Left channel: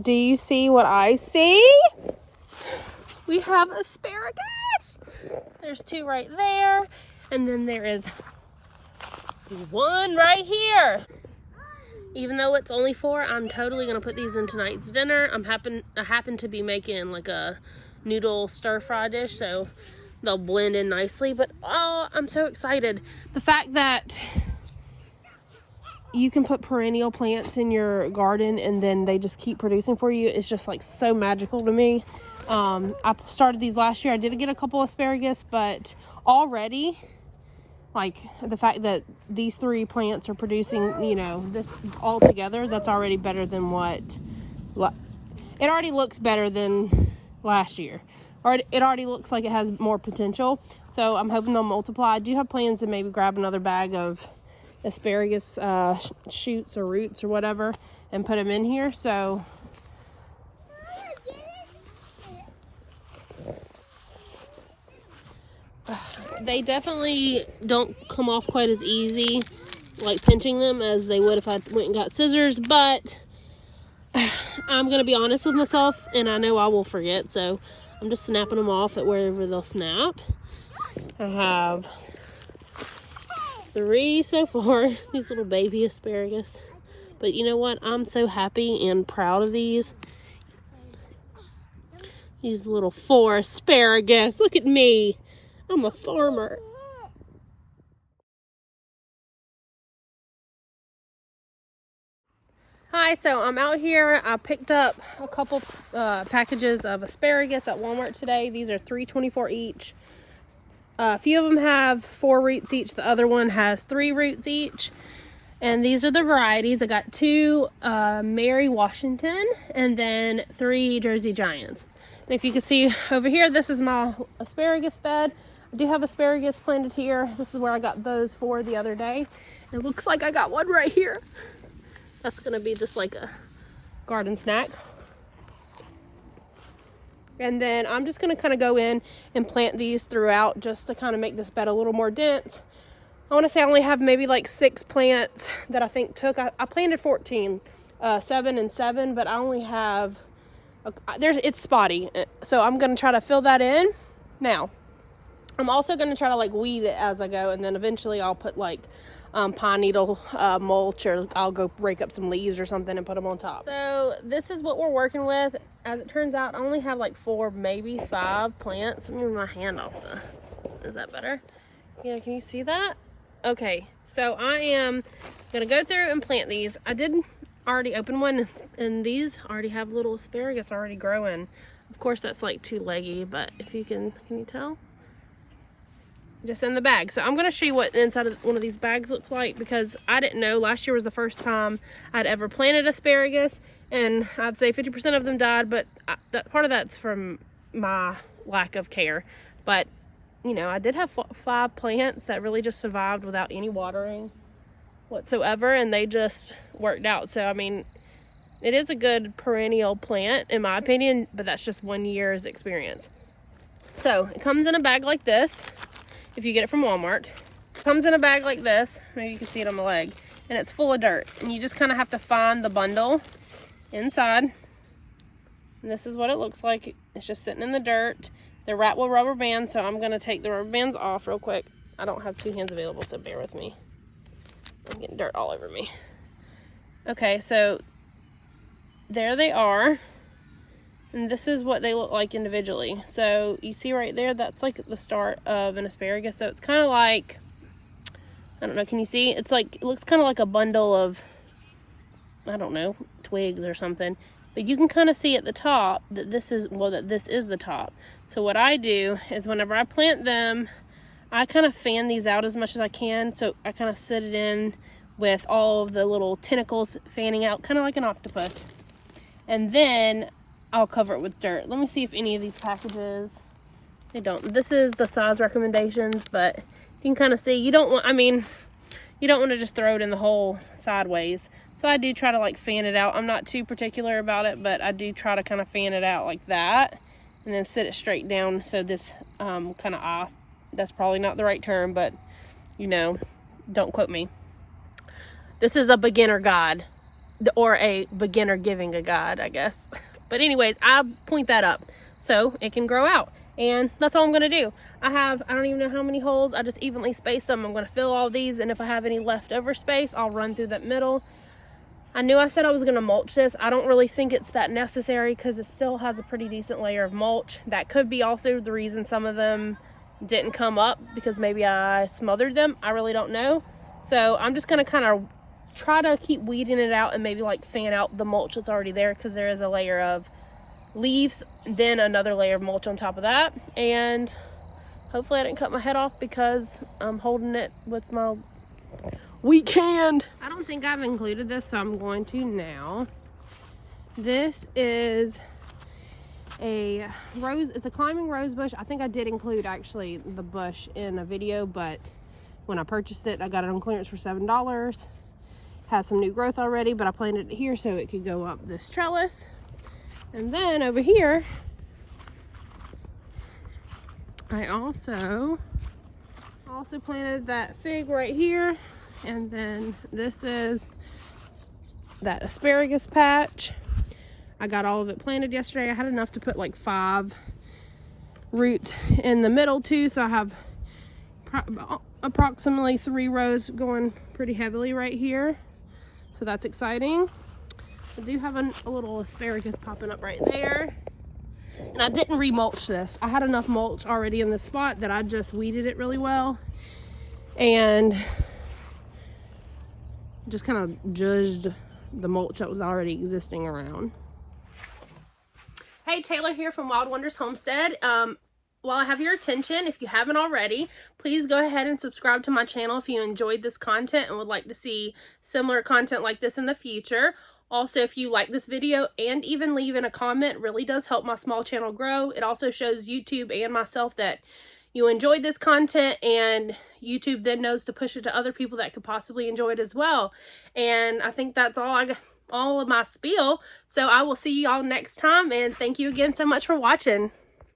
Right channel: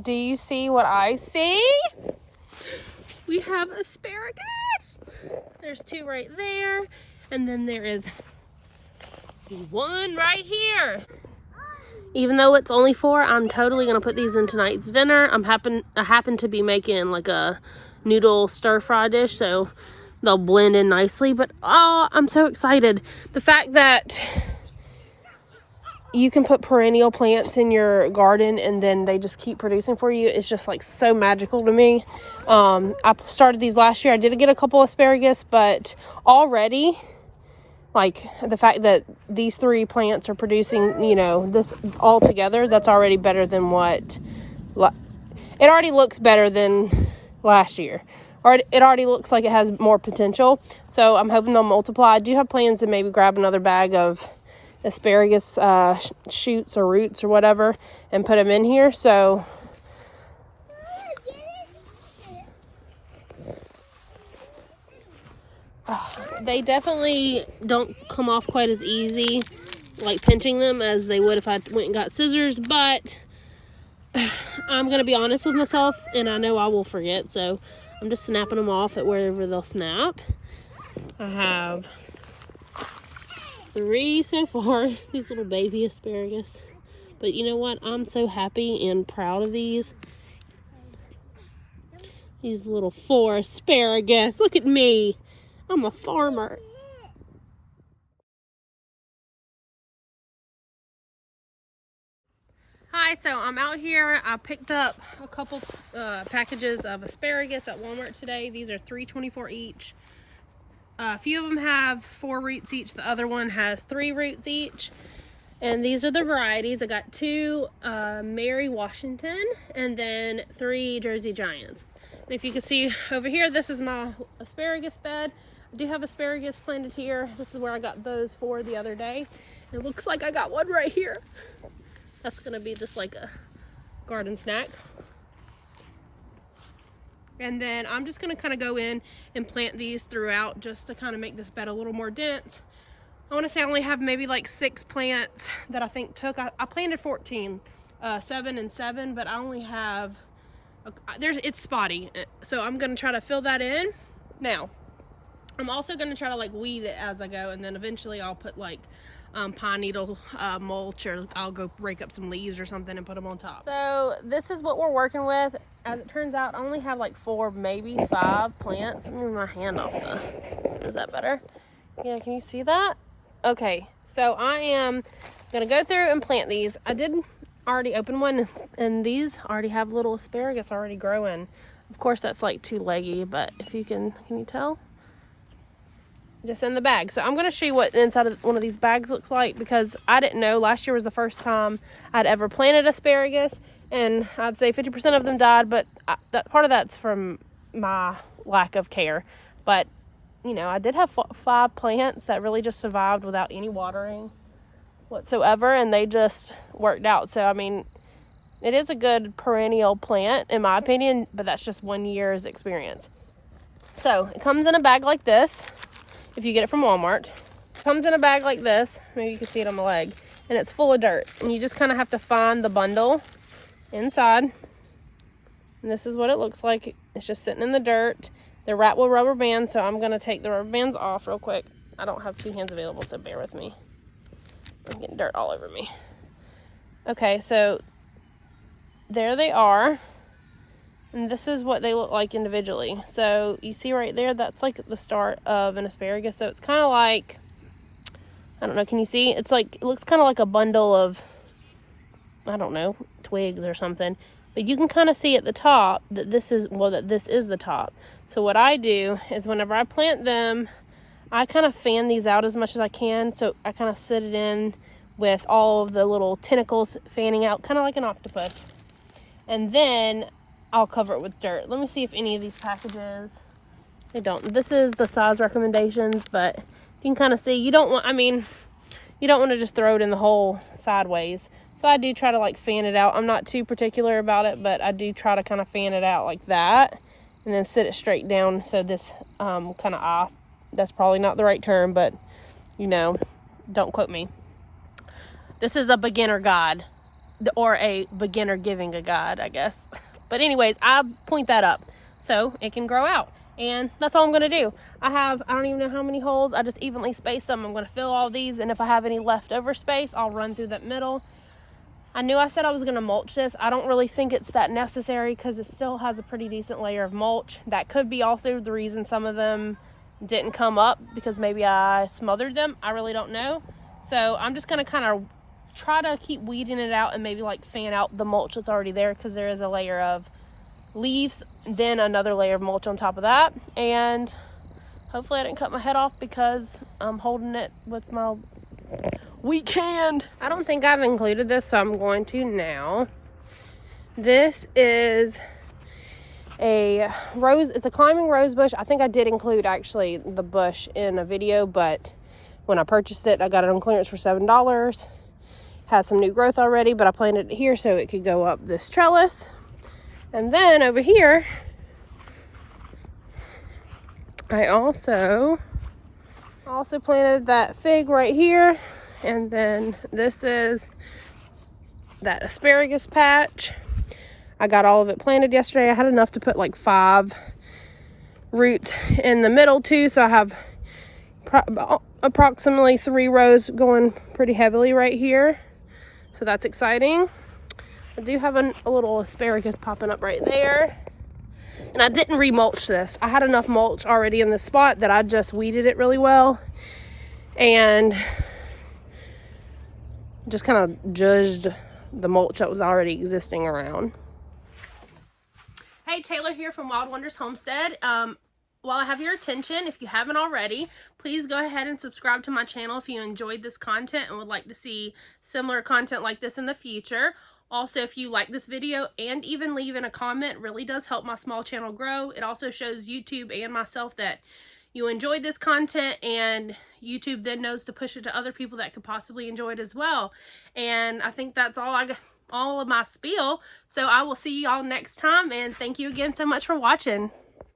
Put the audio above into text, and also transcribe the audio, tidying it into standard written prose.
Do you see what I see? We have asparagus. There's 2 right there. And then there is 1 right here. Even though it's only 4, I'm totally gonna put these in tonight's dinner. I happen to be making like a noodle stir-fry dish, so they'll blend in nicely. But oh, I'm so excited. The fact that you can put perennial plants in your garden and then they just keep producing for you is just like so magical to me. I started these last year. I did get a couple asparagus, but already, like, the fact that these 3 plants are producing, you know, this all together, that's already better than what, it already looks better than last year. Or it already looks like it has more potential. So I'm hoping they'll multiply. I do have plans to maybe grab another bag of asparagus shoots or roots or whatever and put them in here. So they definitely don't come off quite as easy, like pinching them, as they would if I went and got scissors, but I'm gonna be honest with myself, and I know I will forget, so I'm just snapping them off at wherever they'll snap. I have 3 so far, these little baby asparagus, but you know what, I'm so happy and proud of these little 4 asparagus. Look at me, I'm a farmer. Hi, so I'm out here. I picked up a couple packages of asparagus at Walmart today. These are $3.24 each. A few of them have 4 roots each. The other one has 3 roots each. And these are the varieties. I got 2 Mary Washington and then 3 Jersey Giants. And if you can see over here, this is my asparagus bed. I do have asparagus planted here. This is where I got those 4 the other day. It looks like I got 1 right here. That's gonna be just like a garden snack. And then I'm just gonna kind of go in and plant these throughout just to kind of make this bed a little more dense. I want to say I only have maybe like 6 plants that I think took. I planted 14, 7 and 7, but I only have, it's spotty. So I'm gonna try to fill that in. Now, I'm also gonna try to like weed it as I go, and then eventually I'll put like pine needle mulch, or I'll go rake up some leaves or something and put them on top. So this is what we're working with. As it turns out, I only have like 4, maybe 5 plants. Let me move my hand off is that better? Yeah, can you see that? Okay, so I am gonna go through and plant these. I did already open one, and these already have little asparagus already growing. Of course, that's like too leggy, but if you can you tell? Just in the bag. So I'm going to show you what the inside of one of these bags looks like, because I didn't know. Last year was the first time I'd ever planted asparagus, and I'd say 50% of them died, but that part of that's from my lack of care. But you know, I did have 5 plants that really just survived without any watering whatsoever, and they just worked out. So I mean, it is a good perennial plant in my opinion, but that's just 1 year's experience. So it comes in a bag like this. If you get it from Walmart, it comes in a bag like this. Maybe you can see it on my leg, and it's full of dirt, and you just kind of have to find the bundle inside, and this is what it looks like. It's just sitting in the dirt. They're wrapped with rubber bands, so I'm going to take the rubber bands off real quick. I don't have 2 hands available, so bear with me. I'm getting dirt all over me. Okay, so there they are. And this is what they look like individually. So you see right there, that's like the start of an asparagus. So it's kind of like, I don't know, can you see? It's like, it looks kind of like a bundle of, I don't know, twigs or something. But you can kind of see at the top that this is the top. So what I do is whenever I plant them, I kind of fan these out as much as I can. So I kind of sit it in with all of the little tentacles fanning out, kind of like an octopus. And then I'll cover it with dirt. Let me see if any of these packages, they don't. This is the size recommendations, but you can kind of see, you don't want to just throw it in the hole sideways. So I do try to like fan it out. I'm not too particular about it, but I do try to kind of fan it out like that, and then sit it straight down. So this kind of off, that's probably not the right term, but you know, don't quote me. This is a beginner guide. or a beginner giving a guide, I guess. But anyways, I point that up so it can grow out. And that's all I'm gonna do. I don't even know how many holes. I just evenly spaced them. I'm gonna fill all these, and if I have any leftover space, I'll run through that middle. I knew I said I was gonna mulch this. I don't really think it's that necessary because it still has a pretty decent layer of mulch. That could be also the reason some of them didn't come up, because maybe I smothered them. I really don't know. So I'm just gonna kind of try to keep weeding it out and maybe like fan out the mulch that's already there, because there is a layer of leaves, then another layer of mulch on top of that. And hopefully I didn't cut my head off because I'm holding it with my weak hand. I don't think I've included this, so I'm going to now. This is a rose, it's a climbing rose bush. I think I did include actually the bush in a video, but when I purchased it, I got it on clearance for $7. Had some new growth already, but I planted it here so it could go up this trellis. And then over here, I also planted that fig right here. And then this is that asparagus patch. I got all of it planted yesterday. I had enough to put like 5 roots in the middle too. So I have approximately 3 rows going pretty heavily right here. So that's exciting. I do have a little asparagus popping up right there. And I didn't remulch this. I had enough mulch already in this spot that I just weeded it really well. And just kind of judged the mulch that was already existing around. Hey, Taylor here from Wild Wonders Homestead. While I have your attention, if you haven't already, please go ahead and subscribe to my channel if you enjoyed this content and would like to see similar content like this in the future. Also, if you like this video and even leaving a comment, it really does help my small channel grow. It also shows YouTube and myself that you enjoyed this content, and YouTube then knows to push it to other people that could possibly enjoy it as well. And I think that's all of my spiel. So I will see y'all next time, and thank you again so much for watching.